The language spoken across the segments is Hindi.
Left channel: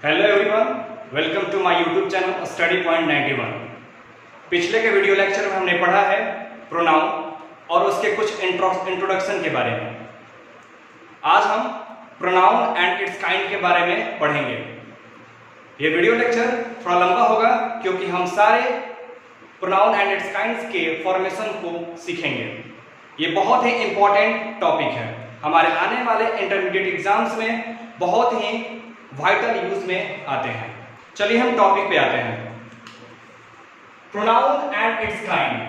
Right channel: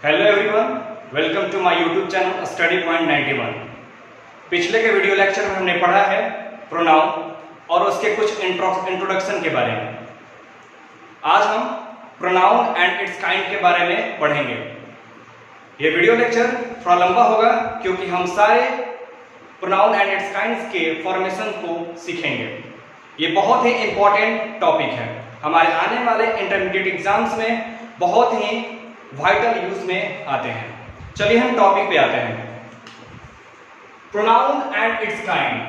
Hello everyone, welcome to my YouTube channel study point 91। पिछले के वीडियो लेक्चर में हमने पढ़ा है प्रोनाउन और उसके कुछ इंट्रोडक्शन के बारे में। आज हम प्रोनाउन एंड इट्स काइंड के बारे में पढ़ेंगे। ये वीडियो लेक्चर थोड़ा लंबा होगा क्योंकि हम सारे प्रोनाउन एंड इट्स काइंड्स के फॉर्मेशन को सीखेंगे। ये बहुत ही इंपॉर्टेंट टॉपिक है, हमारे आने वाले इंटरमीडिएट एग्जाम्स में बहुत ही वाइटल यूज में आते हैं। चलिए हम टॉपिक पे आते हैं। Pronoun and it's kind.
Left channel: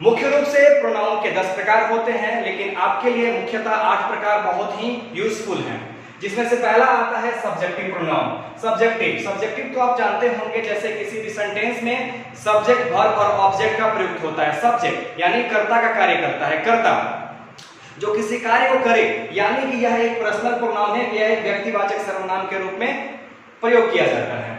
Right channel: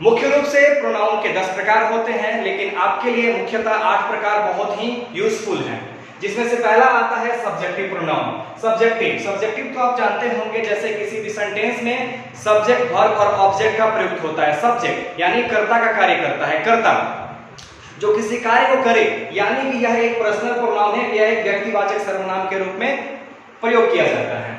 मुख्य रूप से प्रोनाउन के 10 प्रकार होते हैं, लेकिन आपके लिए मुख्यतः 8 प्रकार बहुत ही यूजफुल हैं, जिसमें से पहला आता है सब्जेक्टिव प्रोनाउन। सब्जेक्टिव तो आप जानते होंगे, जैसे किसी भी सेंटेंस में सब्जेक्ट, वर्ब और ऑब्जेक्ट का प्रयुक्त होता है। सब्जेक्ट यानी कर्ता का कार्य करता है, कर्ता जो किसी कार्य को करे, यानी कि यह एक पर्सनल प्रोनाउन है, यह एक व्यक्तिवाचक सर्वनाम के रूप में प्रयोग किया जाता है।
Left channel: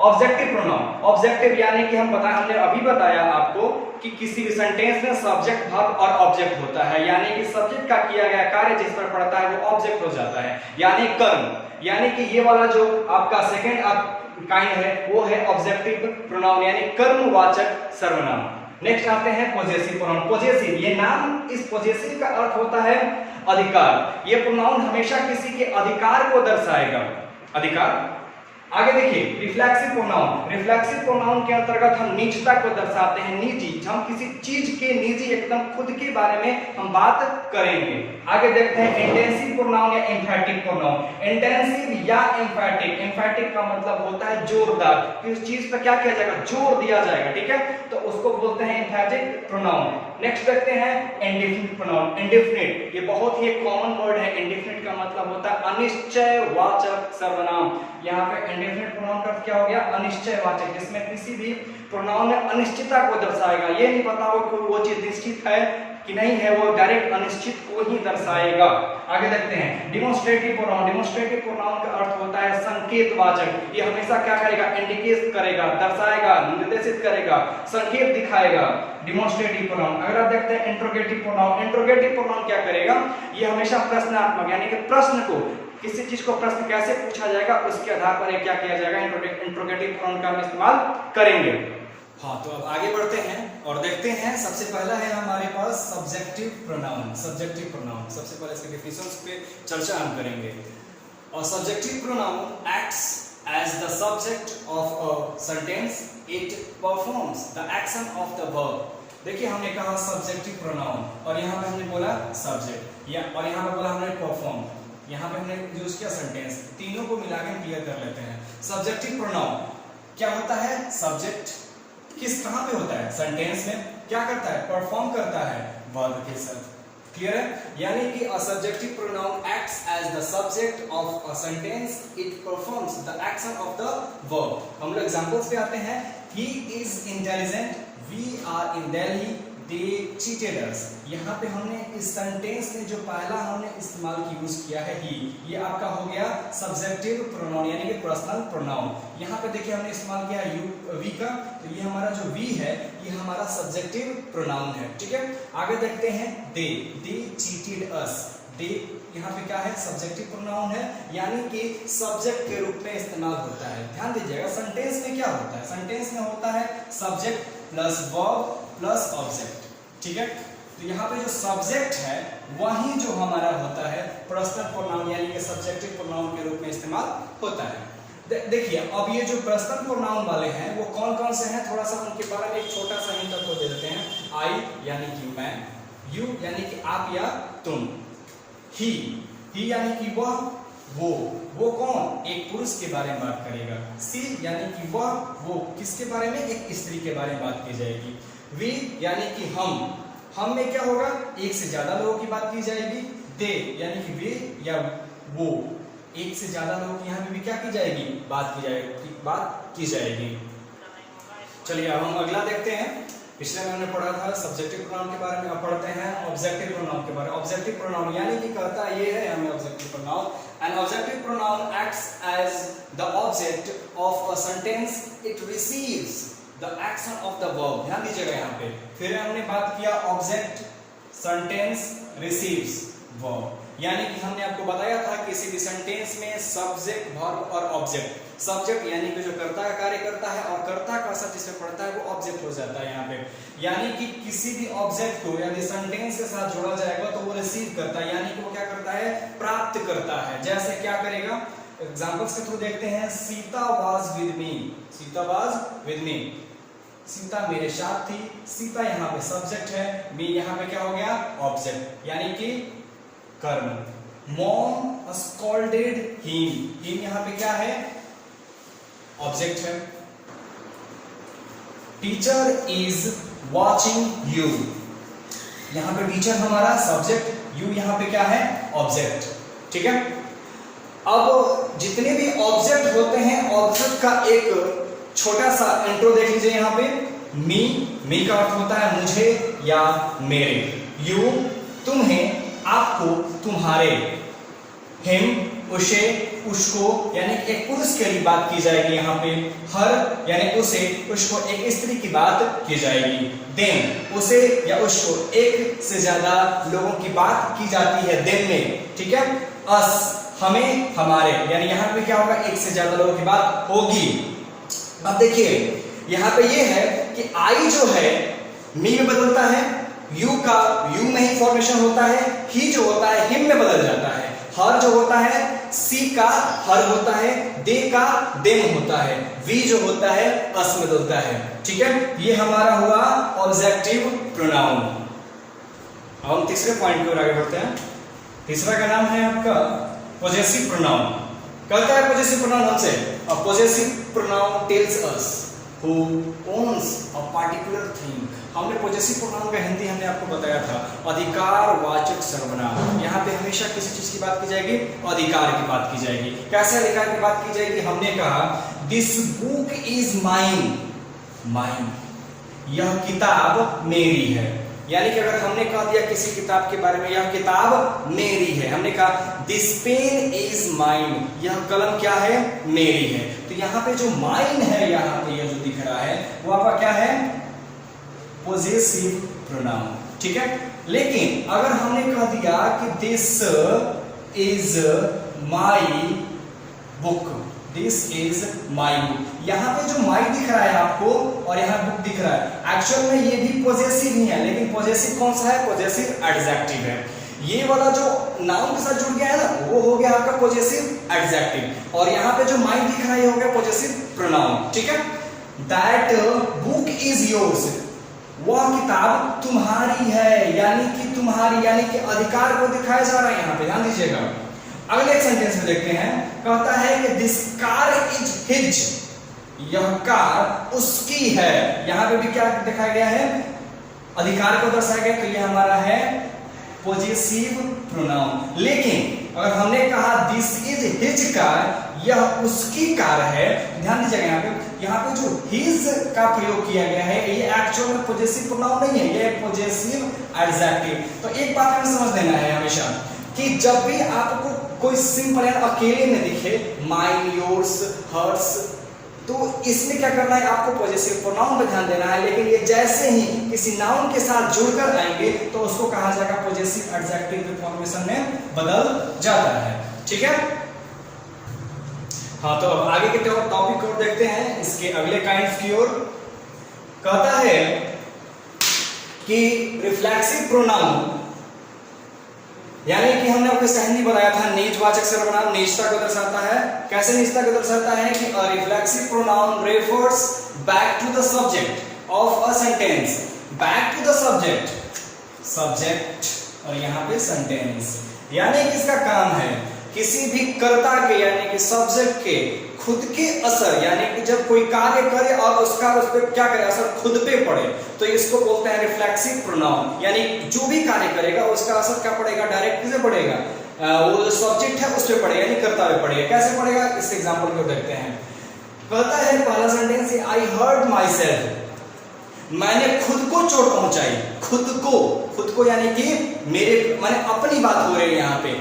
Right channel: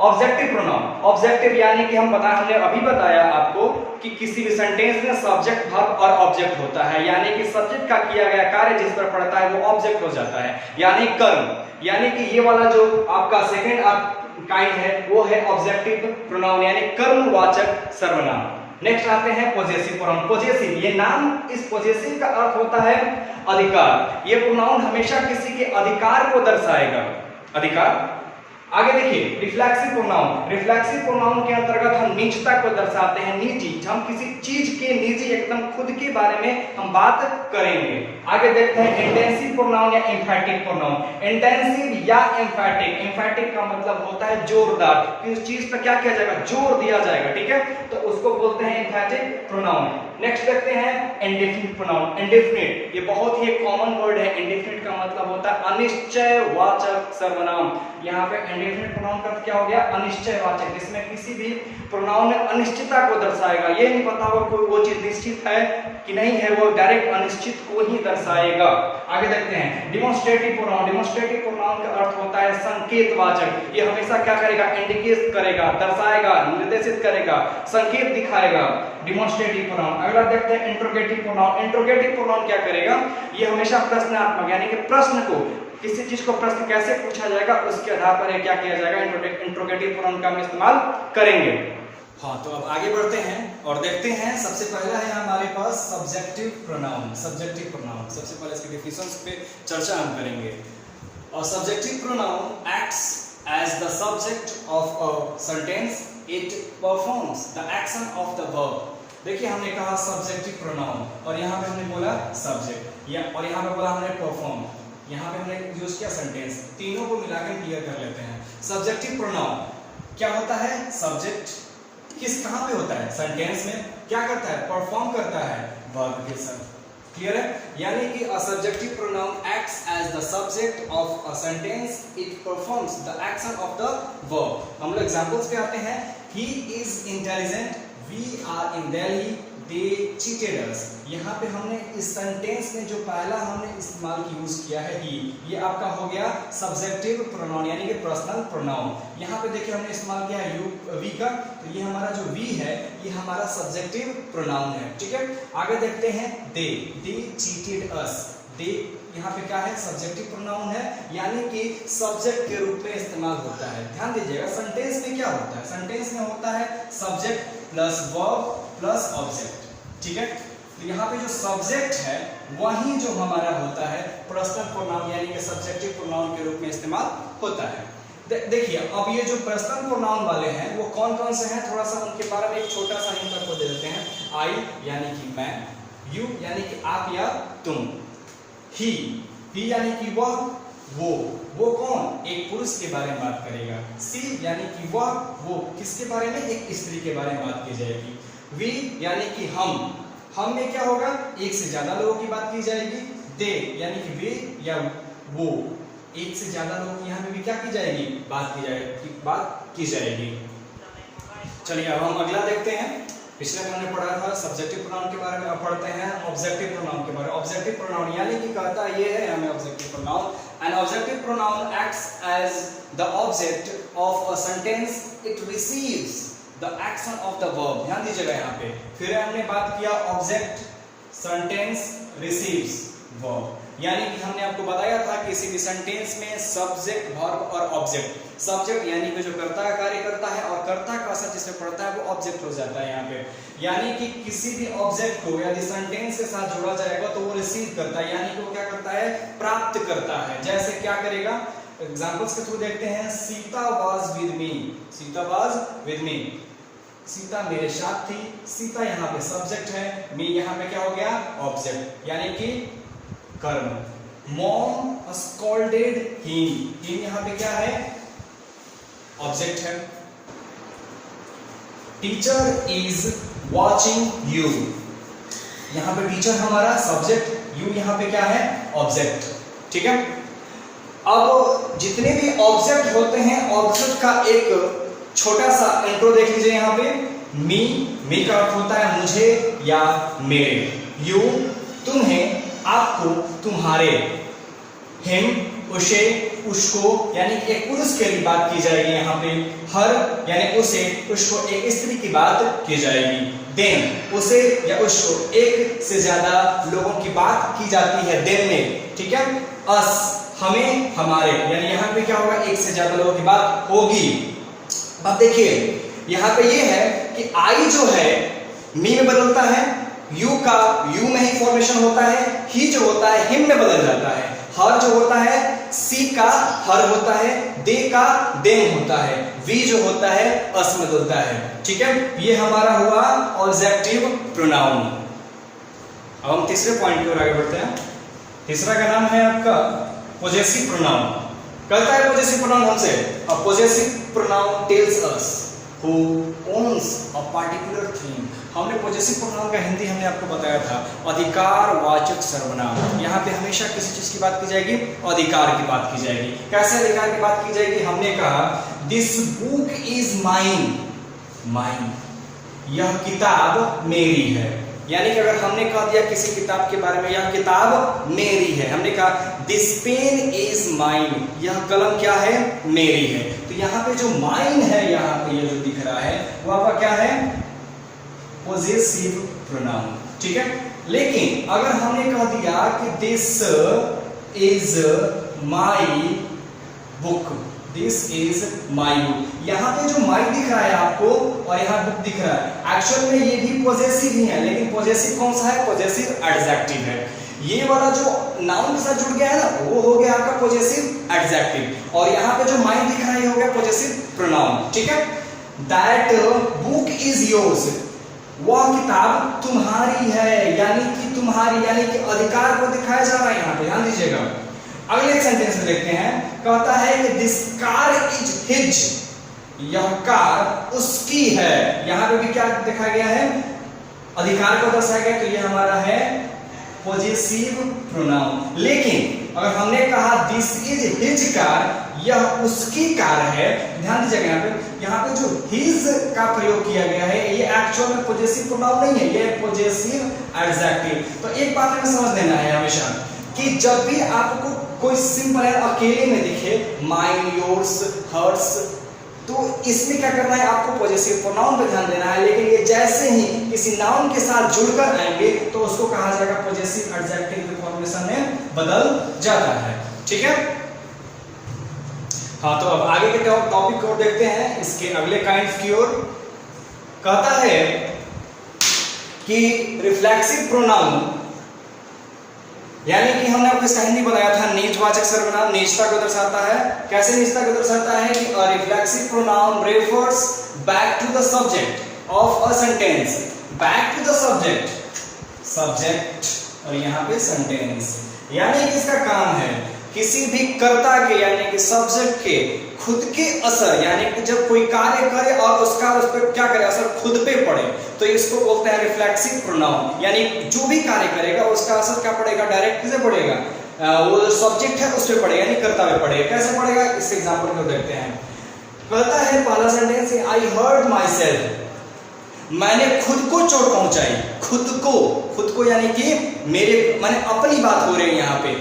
ऑब्जेक्टिव प्रोनाउन, ऑब्जेक्टिव यानी कि हमने अभी बताया आपको कि किसी भी सेंटेंस में सब्जेक्ट, वर्ब और ऑब्जेक्ट होता है, यानी कि सब्जेक्ट का किया गया कार्य जिस पर पड़ता है वो ऑब्जेक्ट हो जाता है, यानी कर्म। यानी कि ये वाला जो आपका सेकेंड काइंड है वो है ऑब्जेक्टिव प्रोनाउन, यानी कर्मवाचक सर्वनाम। नेक्स्ट आते हैं पॉजेसिव प्रोनाउन। पॉजेसिव, ये नाम, इस पॉजेसिव का अर्थ होता है अधिकार। ये प्रोनाउन हमेशा किसी के अधिकार को दर्शाएगा, अधिकार। आगे देखिए रिफ्लेक्सिव प्रोनाउन। रिफ्लेक्सिव प्रोनाउन के अंतर्गत हम निजता को दर्शाते हैं, निजी। हम किसी चीज के निजी, एकदम खुद के बारे में हम बात करेंगे। आगे देखते हैं इंटेंसिव प्रोनाउन या एम्फैटिक प्रोनाउन। इंटेंसिव या एम्फैटिक, एम्फैटिक का मतलब होता है जोरदार, किस चीज पर क्या किया जाएगा, जोर दिया जाएगा, ठीक है, तो उसको बोलते हैं एम्फैटिक प्रोनाउन। नेक्स्ट देखते हैं इंडेफिनिट प्रोनाउन। इंडेफिनिट ये बहुत ही कॉमन वर्ड है। इंडेफिनिट का मतलब होता है अनिश्चयवाचक सर्वनाम। यहाँ पे इंडेफिनिट प्रोनाउन का क्या हो गया, अनिश्चयवाचक, जिसमें किसी भी प्रोनाउन में अनिश्चितता को दर्शाएगा। ये नहीं पता हो कोई वो चीज निश्चित है कि नहीं है, वो डायरेक्ट अनिश्चित को ही दर्शाएगा। आगे देखते हैं डिमॉन्स्ट्रेटिव प्रोनाउन। डिमॉन्स्ट्रेटिव प्रोनाउन का अर्थ होता है संकेतवाचक। ये हमेशा क्या करेगा, इंडिकेट करेगा, दर्शाएगा, निर्देशित करेगा, संकेत दिखाएगा, डिमॉन्स्ट्रेटिव प्रोनाउन। अगर आप देखते हैं इंट्रोगेटिव प्रोनाउन। इंट्रोगेटिव प्रोनाउन क्या करेगा, ये हमेशा प्रश्नात्मक, यानी कि प्रश्न को, किसी चीज को प्रश्न कैसे पूछा जाएगा उसके आधार पर क्या किया जाएगा, इंट्रोगेटिव प्रोनाउन का हम इस्तेमाल करेंगे। हाँ, तो अब आगे बढ़ते हैं और देखते हैं। सबसे पहला है हमारे पास सब्जेक्टिव प्रोनाउन। सब्जेक्टिव प्रोनाउन, सबसे पहले इसके डेफिनेशंस पे चर्चा हम करेंगे। और subjective pronoun acts as the subject of a sentence, it performs the action of the verb. देखिए हमने कहा सब्जेक्टिव प्रोनाउन और यहाँ पे हमने बोला सब्जेक्ट, या और यहाँ पे बोला हमने परफॉर्म, यहाँ पे हमने यूज किया सेंटेंस। तीनों को मिला के क्लियर कर लेते हैं। सब्जेक्टिव प्रोनाउन क्या होता है, सब्जेक्ट किस कहां पे होता है, सेंटेंस में क्या करता है, परफॉर्म करता है वर्ब के साथ। क्लियर है, यानी कि a subjective pronoun acts as the subject of a sentence, it performs the action of the verb. हम लोग एग्जांपल्स पे आते हैं। He is intelligent, we are in Delhi, they cheated us. यहाँ पे हमने इस सेंटेंस में जो पहला हमने इस्तेमाल यूज किया है ही, ये आपका हो गया सब्जेक्टिव प्रोनाउन, यानी कि पर्सनल प्रोनाउन। यहाँ पे देखिए हमने इस्तेमाल किया यू, वी का, तो ये हमारा जो वी है ये हमारा सब्जेक्टिव प्रोनाउन है, ठीक है। आगे देखते हैं दे चीटेड अस। दे यहाँ पे क्या है, सब्जेक्टिव प्रोनाउन है, यानी कि सब्जेक्ट के रूप में इस्तेमाल होता है। ध्यान दीजिएगा सेंटेंस में क्या होता है, सेंटेंस में होता है subject plus verb plus object, ठीक है। तो यहाँ पे जो सब्जेक्ट है वही जो हमारा होता है पर्सनल प्रोनाउन, यानी कि सब्जेक्टिव प्रोनाउन के रूप में इस्तेमाल होता है। देखिए अब ये जो पर्सनल प्रोनाउन वाले हैं वो कौन कौन से हैं, थोड़ा सा उनके बारे में एक छोटा सा हिंट आपको दे देते हैं। आई यानी कि मैं, यू यानी कि आप या तुम, ही यानी कि वह, वो कौन, एक पुरुष के बारे में बात करेगा। सी यानी कि वह, वो किसके बारे में, एक स्त्री के बारे में बात की जाएगी। वी यानी कि हम में क्या होगा, एक से ज्यादा लोगों की बात की जाएगी। दे यानी कि वे या वो, एक से ज्यादा लोग यहाँ पे भी क्या की जाएगी, बात की जाएगी। चलिए अब हम अगला देखते हैं। पिछले में हमने पढ़ा था सब्जेक्टिव प्रोनाउन के बारे में, अब पढ़ते हैं ऑब्जेक्टिव प्रोनाउन के बारे में। ऑब्जेक्टिव प्रोनाउन यानी कि कहता ये है हमें objective pronoun, an objective pronoun acts as the object of a sentence, it receives the action of the verb. ध्यान दीजिएगा यहाँ पे फिर हमने बात किया ऑब्जेक्ट, सेंटेंस, रिसीव्स, वर्ब। यानी कि हमने आपको बताया था कि किसी भी सेंटेंस में सब्जेक्ट, वर्ब और ऑब्जेक्ट। सब्जेक्ट यानी कि जो कर्ता का कार्य करता है और कर्ता का असर जिसमें पड़ता है वो ऑब्जेक्ट हो जाता है यहाँ पे। यानी कि किसी भी ऑब्जेक्ट को यदि सेंटेंस के साथ जोड़ा जाएगा तो वो रिसीव करता है, यानी कि वो क्या करता है, प्राप्त करता है। जैसे क्या करेगा, एग्जांपल्स के थ्रू देखते हैं। Sita was with me, Sita was with me, Sita मेरे साथ थी। सीता यहाँ पे सब्जेक्ट है, मी यहाँ पे क्या हो गया, ऑब्जेक्ट, यानी कि कर्म। मॉम स्कॉल्डेड हिम, हिम यहाँ पे क्या है, ऑब्जेक्ट है। टीचर इज वॉचिंग यू, यहाँ पे टीचर हमारा सब्जेक्ट, यू यहाँ पे क्या है, ऑब्जेक्ट। ठीक है, अब जितने भी ऑब्जेक्ट होते हैं, ऑब्जेक्ट का एक छोटा सा इंट्रो देख लीजिए यहाँ पे। मी का अर्थ होता है मुझे या मेरे। यू तुम्हें, आपको, तुम्हारे। हिम उसे, उसको, यानी एक पुरुष के लिए बात की जाएगी यहाँ पे। हर यानी उसे, उसको एक स्त्री की बात की जाएगी। देन उसे या उसको एक से ज्यादा लोगों की बात की जाती है देन में। ठीक है, अस हमें, हमारे, यानी यहाँ पे क्या होगा, एक से ज्यादा लोगों की बात होगी। अब देखिए यहाँ पे ये है कि आई जो है मी में बदलता है, यू का यू में ही फॉर्मेशन होता है, ही जो होता है हिम में बदल जाता है, हर जो होता है सी का हर होता है, दे का देम होता है, वी जो होता है अस में बदलता है। ठीक है, ये हमारा हुआ ऑब्जेक्टिव प्रोनाउन। अब हम तीसरे पॉइंट की ओर आगे बढ़ते हैं। तीसरा का नाम है आपका पोजेसिव प्रोनाउन। कहता है पोजेसिव प्रोनाउन हमसे, अ possessive pronoun tells us who owns a particular thing. हमने पोजेसिव प्रोनाउन का हिंदी हमने आपको बताया था, अधिकारवाचक सर्वनाम। यहाँ पे हमेशा किसी चीज की बात की जाएगी, अधिकार की बात की जाएगी। कैसे अधिकार की बात की जाएगी, हमने कहा this book is mine, mine, यह किताब मेरी है। यानी कि अगर हमने कह दिया किसी किताब के बारे में, यह किताब मेरी है, हमने कहा दिस पेन इज माइन, यह कलम क्या है, मेरी है। तो यहाँ पे जो माइन है, यहाँ पे ये जो दिख रहा है वो आपका क्या है, पोजेसिव प्रोनाउन। ठीक है, लेकिन अगर हमने कह दिया कि this is my book, this is my book, यहाँ पे जो माई दिख रहा है आपको और यहाँ बुक दिख रहा है, एक्चुअल में ये भी पोजेसिव ही है, लेकिन पोजेसिव कौन सा है, पोजेसिव एडजेक्टिव है। ये वाला जो नाउन के साथ जुड़ गया है ना, वो हो गया आपका पोजेसिव एडजेक्टिव, और यहाँ पे जो माई दिख रहा है ये हो गया पोजेसिव प्रोनाउन। ठीक है, दैट बुक इज योर्स, वह किताब तुम्हारी है, यानी कि तुम्हारी, यानी कि अधिकार को दिखाया जा रहा है यहाँ पे, ध्यान दीजिएगा। अगले सेंटेंस में देखते हैं, कहता है कि दिस कार इज हिज, यह कार उसकी है। यहाँ पे भी क्या दिखाया गया है, अधिकार को दर्शाया गया, तो यह हमारा है पोजेसिव प्रोनाउन। लेकिन अगर हमने कहा दिस इज हिज कार, यह उसकी कार है, ध्यान दीजिएगा यहाँ पे जो हिज का प्रयोग किया गया है ये एक्चुअल में पोजेसिव प्रोनाउन नहीं है, ये पोजेसिव एडजेक्टिव। तो एक बात हमें समझ लेना है हमेशा कि जब भी आपको कोई सिंपल एंड अकेले में दिखे, माइन, योर्स, हर्स, तो इसमें क्या करना है, आपको पोजेसिव प्रोनाउन पे ध्यान देना है। लेकिन ये जैसे ही किसी नाउन के साथ जुड़कर आएंगे तो उसको कहा जाएगा पोजेसिव एडजेक्टिव फॉर्मेशन में बदल जाता है। ठीक है, हाँ, तो अब आगे के टॉपिक को देखते हैं, इसके अगले काइंड्स की ओर। कहता है कि रिफ्लेक्सिव प्रोनाउन, यानी कि हमने आपको हिंदी बताया था, नीचवाचक सर्वनाम नीचता को दर्शाता है। कैसे नीचता को दर्शाता है कि a reflexive pronoun refers back to the subject of a sentence, back to the subject और यहाँ पे sentence, यानी कि इसका काम है किसी भी कर्ता के, यानी कि सब्जेक्ट के खुद के असर, यानी कि जब कोई कार्य करे और उसका उस पर क्या करे, असर खुद पे पड़े, तो इसको बोलते हैं रिफ्लेक्सिव प्रोनाउन। यानी जो भी कार्य करेगा उसका असर क्या पड़ेगा, डायरेक्ट किसे पड़ेगा, वो जो सब्जेक्ट है उस पे पड़ेगा, यानी कर्ता पे पड़ेगा। कैसे पड़ेगा, इस एग्जांपल को देखते हैं। कहता है पहला sentence, I hurt myself, मैंने खुद को चोट पहुंचाई। खुद को यानी कि मेरे, मैंने अपनी बात हो रही है यहाँ पे।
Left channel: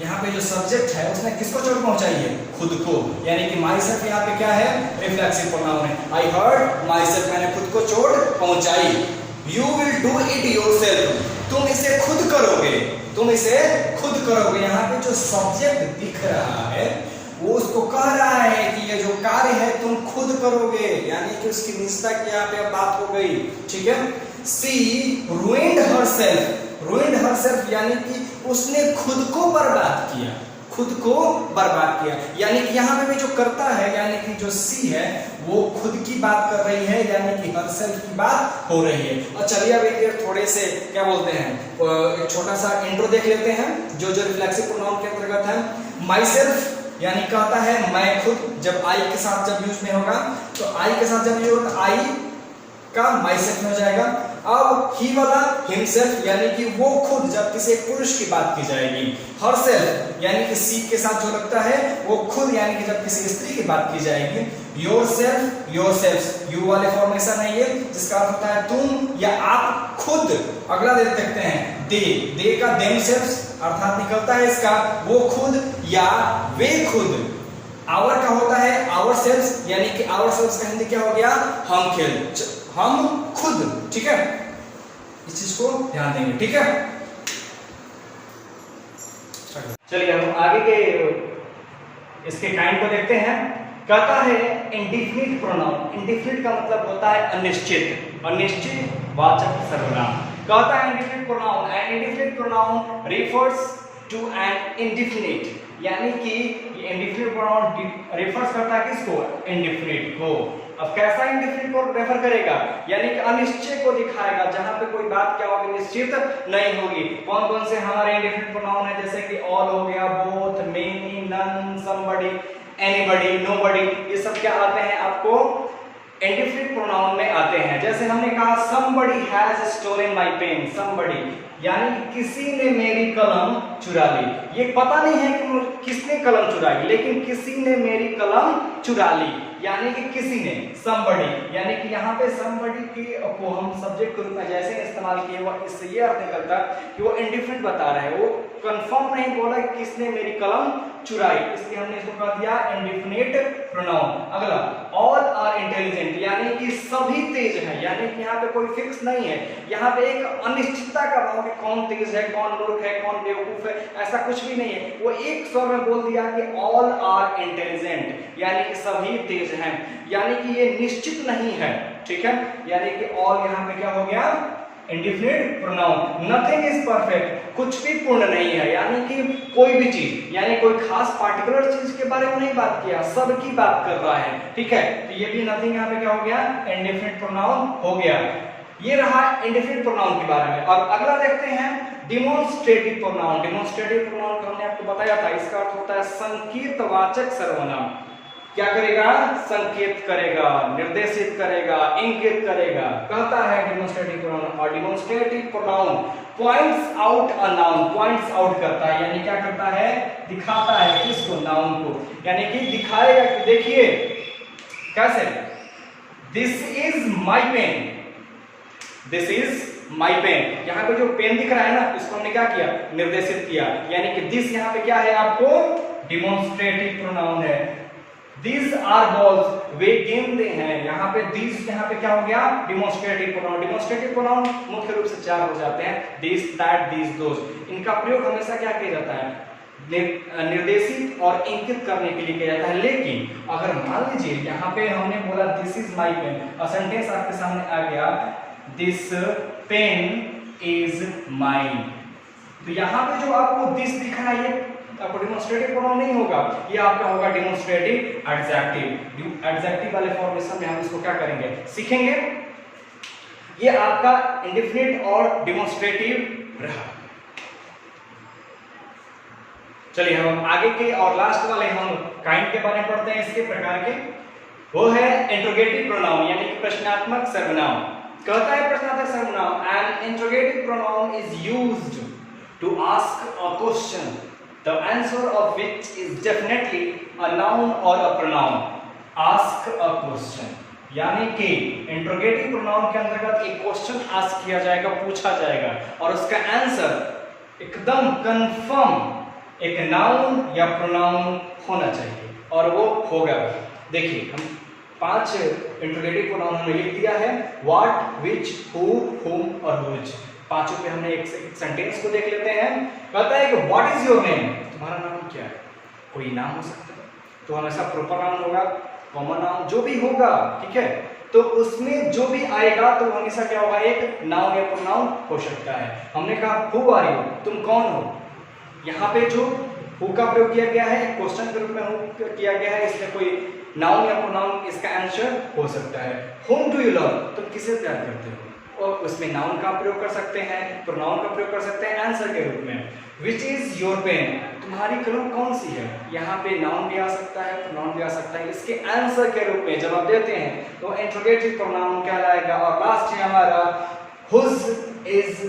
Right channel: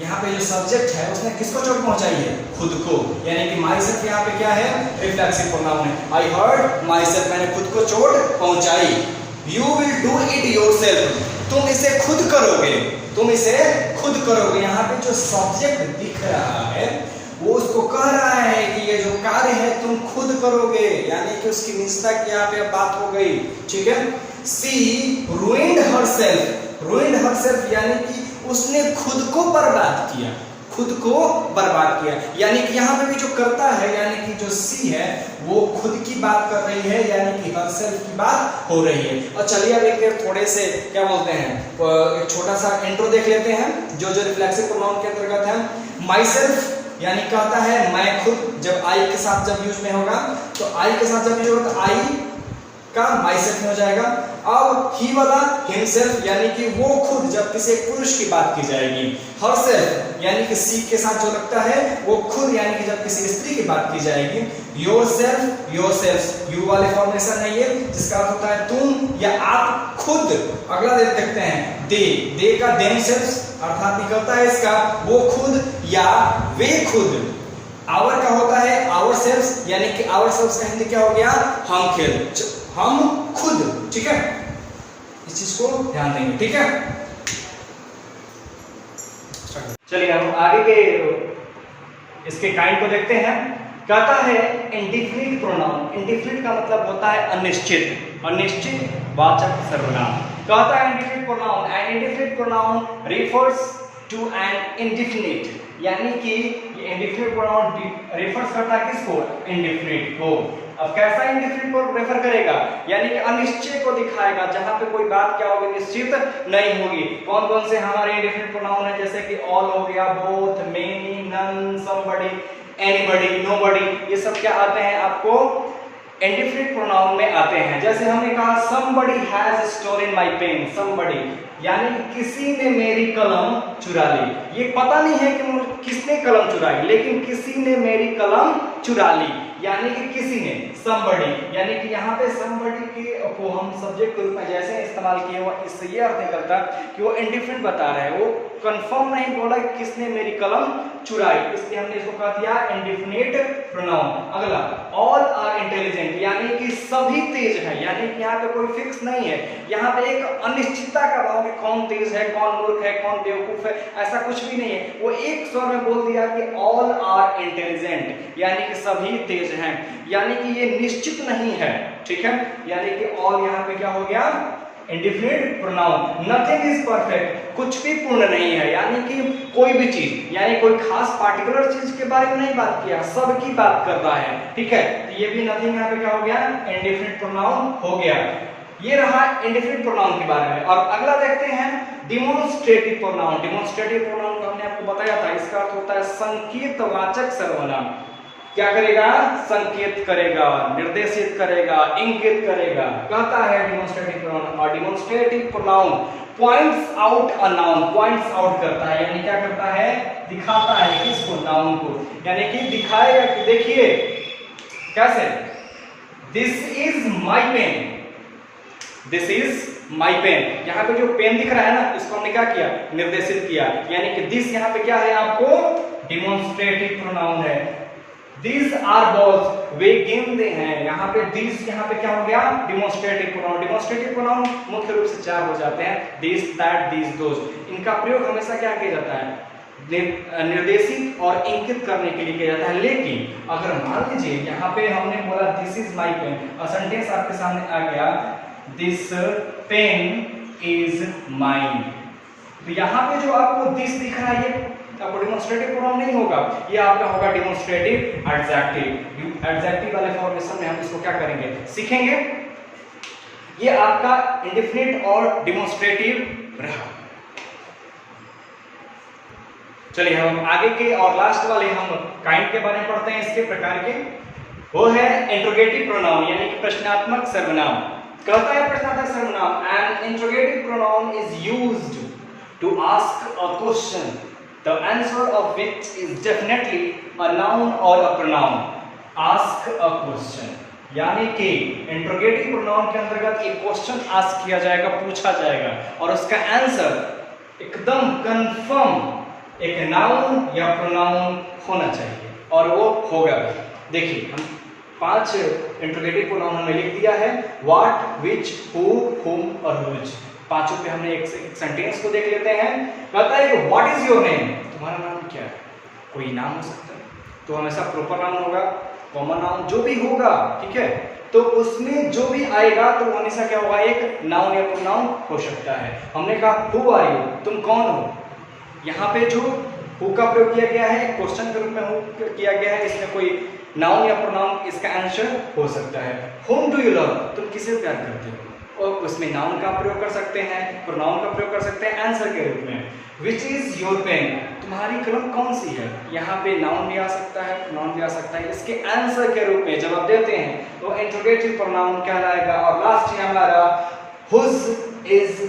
यहाँ पे जो सब्जेक्ट है उसने किसको चोट पहुंचाई है, खुद को, यानी कि माई सेल्फ यहाँ पे क्या है, रिफ्लेक्सिव प्रोनाउन है। आई हर्ट माई सेल्फ, मैंने खुद को चोट पहुंचाई। You will do it yourself, तुम इसे खुद करोगे, तुम इसे खुद करोगे। यहाँ पे जो सब्जेक्ट दिख रहा है वो उसको कह रहा है कि ये जो कार्य है तुम खुद करोगे, यानी कि उसकी निष्ठा की यहाँ पे बात हो गई। ठीक है, सी ruined herself यानी कि उसने खुद को बर्बाद किया, खुद को बर्बाद किया। यानी कि यहाँ पे भी जो करता है यानी कि जो सी है वो खुद की बात कर रही है, यानी कि herself की बात हो रही है। और चलिए अब एक थोड़े से क्या बोलते हैं, एक छोटा सा इंट्रो देख लेते हैं जो रिफ्लेक्सिव प्रोनाउन के अंतर्गत है। myself यानी कहता है मैं खुद, जब आई के साथ जब यूज में होगा तो आई के साथ जब यूज होगा तो आई का myself में हो जाएगा। अब ही वाला himself यानी कि वो खुद, जब किसी पुरुष की बात की जाएगी। herself यानी कि सी के साथ जो लगता है वो खुद, यानी कि जब किसी स्त्री की बात की जाएगी। yourself yourselves यू वाले फॉर्मेशन है ये, जिसका अर्थ होता है तुम या आप खुद। अगला देखते हैं दे का themselves अर्थात निकलता है इसका वो खुद या वे खुद। आवर का होता है ourselves यानी कि ourselves का हिंदी क्या हो गया, हम खुद। ठीक है, इस चीज को ध्यान देंगे। ठीक है, चलिए हम आगे के इसके काइंड को देखते हैं। कहता है इंडिफिनिट प्रोनाउन। इंडिफिनिट का मतलब होता है अनिश्चित, अनिश्चित वाचक सर्वनाम। कहता है indefinite pronoun, an indefinite pronoun refers to an indefinite, यानी कि इंडिफिनिट प्रोनाउन रिफर्स करता है किसको, इंडिफिनिट को। अब कैसा इंडिफिनिट को रेफर करेगा, यानी कि अनिश्चय को दिखाएगा, जहां पे कोई बात क्या होगी, निश्चित नहीं होगी। कौन कौन से हमारे इंडिफिनिट प्रोनाउन है, जैसे कि ऑल हो गया, both, many, none, somebody, anybody, nobody, ये सब क्या आते हैं आपको इंडिफिनिट प्रोनाउन में आते हैं। जैसे हमने कहा somebody has stolen my pen, somebody यानी किसी ने मेरी कलम चुरा ली। ये पता नहीं है कि किसने कलम चुराई, लेकिन किसी ने मेरी कलम चुरा ली, यानी कि किसी ने। somebody यानी कि यहाँ पे somebody को हम सब्जेक्ट के रूप में जैसे इस्तेमाल किए वो इससे ये अर्थ निकलता कि वो इंडिफिनिट बता रहे हैं, वो कंफर्म नहीं बोला कि किसने मेरी कलम चुराई, इसलिए हमने इसको कह दिया इंडिफिनिट प्रोनाउन। अगला ऑल आर इंटेलिजेंट यानी कि सभी तेज है, यानी कि यहाँ पे कोई फिक्स नहीं है, यहाँ पे एक अनिश्चितता का भाव कि कौन तेज है, कौन मूर्ख है, कौन बेवकूफ है, ऐसा कुछ भी नहीं है। वो एक स्वर में बोल दिया कि ऑल आर इंटेलिजेंट यानी कि सभी तेज हैं, यानी कि ये निश्चित नहीं है। ठीक है, यानी कि ऑल यहाँ पे क्या हो गया, indefinite pronoun. Nothing is perfect, कुछ भी पूर्ण नहीं है, यानी कि कोई भी चीज, यानी कोई खास पार्टिकुलर चीज के बारे में नहीं बात किया, सबकी बात कर रहा है। ठीक है, तो ये भी नथिंग यहाँ पे क्या हो गया, इंडिफिनिट प्रोनाउन हो गया। ये रहा इंडिफिनिट प्रोनाउन के बारे में। और अगला देखते हैं डिमोन्स्ट्रेटिव प्रोनाउन। डिमोन्स्ट्रेटिव प्रोनाउन तो हमने आपको बताया था, इसका अर्थ होता है संकेतवाचक सर्वनाम। क्या करेगा, संकेत करेगा, निर्देशित करेगा, इंगित करेगा, कहता है डिमोन्स्ट्रेटिव प्रोनाउन। और demonstrative pronoun points out a noun, points out करता है, यानी क्या करता है, दिखाता है किसको, नाउन को, यानी कि दिखाएगा कि देखिए कैसे, this is my pen, this is my pen. यहाँ पे जो पेन दिख रहा है ना, इसको हमने क्या किया, निर्देशित किया, यानी कि दिस यहाँ पे क्या है आपको, डिमोन्स्ट्रेटिव प्रोनाउन है। These are balls, वे गेंदें हैं, यहाँ पे these यहाँ पे क्या हो गया, डिमोन्स्ट्रेटिव प्रोनाउन। डिमोन्स्ट्रेटिव प्रोनाउन मुख्य रूप से चार हो जाते हैं, this, that, these, those। इनका प्रयोग हमेशा क्या किया जाता है, निर्देशित और इंकित करने के लिए किया जाता है। लेकिन अगर मान लीजिए यहाँ पे हमने बोला दिस इज माई पेन, और सेंटेंस आपके सामने आ गया दिस पेन इज माइन, तो यहाँ पे जो आपको दिस दिख रहा है ये आपको डिमोन्स्ट्रेटिव प्रोनाउन नहीं होगा, ये आपका होगा डिमोन्स्ट्रेटिव एडजेक्टिव। एडजेक्टिव वाले फॉर्मेशन में हम इसको क्या करेंगे, सीखेंगे। ये आपका इंडेफिनिट और डिमोन्स्ट्रेटिव रहा। चलिए हम आगे के और लास्ट वाले हम काइंड के बारे में पढ़ते हैं, इसके प्रकार के। वो है इंट्रोगेटिव प्रोनाउन यानी कि प्रश्नात्मक सर्वनाम। कहता है प्रश्नात्मक सर्वनाम, an interrogative pronoun is used to ask a question, the answer of which is definitely a noun or a pronoun. Ask a question यानी कि इंट्रोगेटिव प्रोनाउन के अंतर्गत एक क्वेश्चन आस्क किया जाएगा, पूछा जाएगा, और उसका आंसर एकदम कंफर्म एक नाउन या प्रोनाउन होना चाहिए, और वो होगा भी। देखिए हम 5 इंट्रोगेटिव प्रोनाउन हमने लिख दिया है, व्हाट, विच, हु, हुम और व्हिच। पांचों पे हमने एक सेंटेंस को देख लेते हैं। कहता है कि व्हाट इज योर नेम, तुम्हारा नाम क्या है। कोई नाम हो सकता है, तो हमेशा प्रॉपर नाउन होगा, कॉमन नाउन जो भी होगा, ठीक है, तो उसमें जो भी आएगा तो हमेशा क्या होगा, एक नाउन या प्रोनाउन हो सकता है। हमने कहा हु आर यू, तुम कौन हो, यहाँ पे जो हु का प्रयोग किया गया है क्वेश्चन के रूप में हु किया गया है, इसमें कोई नाउन या प्रोनाउन इसका आंसर हो सकता है। whom do you love, तुम किसे प्यार करते हो, और उसमें नाउन का प्रयोग कर सकते हैं, प्रोनाउन का प्रयोग कर सकते हैं आंसर के रूप में। which is your pen, तुम्हारी कलम कौन सी है, यहाँ पे नाउन भी आ सकता है, प्रोनाउन भी आ सकता है, इसके आंसर के रूप में जब आप देते हैं तो इंट्रोगेटिव प्रोनाउन कहलाएगा। और लास्ट है हमारा whose is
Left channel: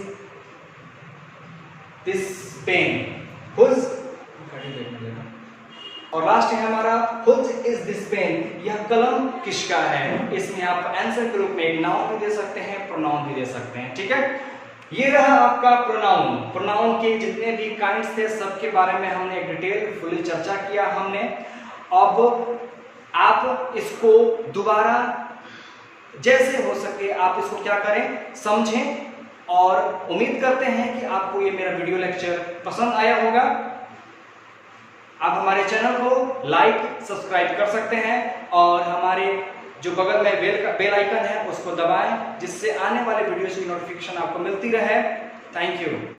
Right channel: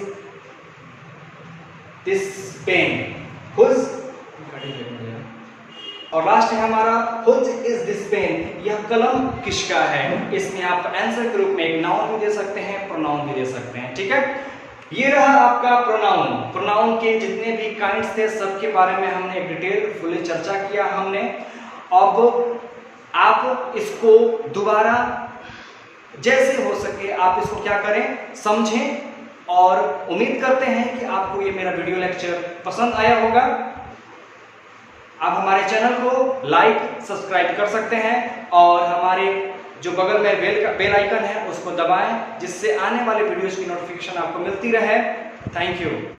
this pen, whose, और लास्ट है हमारा whose is this pen, यह कलम किसका है। इसमें आप आंसर के रूप में एक नाउन भी दे सकते हैं, प्रोनाउन भी दे सकते हैं, ठीक है। ये रहा आपका प्रोनाउन। प्रोनाउन के जितने भी काइंड्स थे सबके बारे में हमने डिटेल फुली चर्चा किया हमने। अब आप इसको दोबारा जैसे हो सके आप इसको क्या करें, समझें, और उम्मीद करते हैं कि आपको ये मेरा वीडियो लेक्चर पसंद आया होगा। आप हमारे चैनल को लाइक सब्सक्राइब कर सकते हैं, और हमारे जो बगल में बेल आइकन है उसको दबाएं, जिससे आने वाले वीडियोस की नोटिफिकेशन आपको मिलती रहे। Thank you.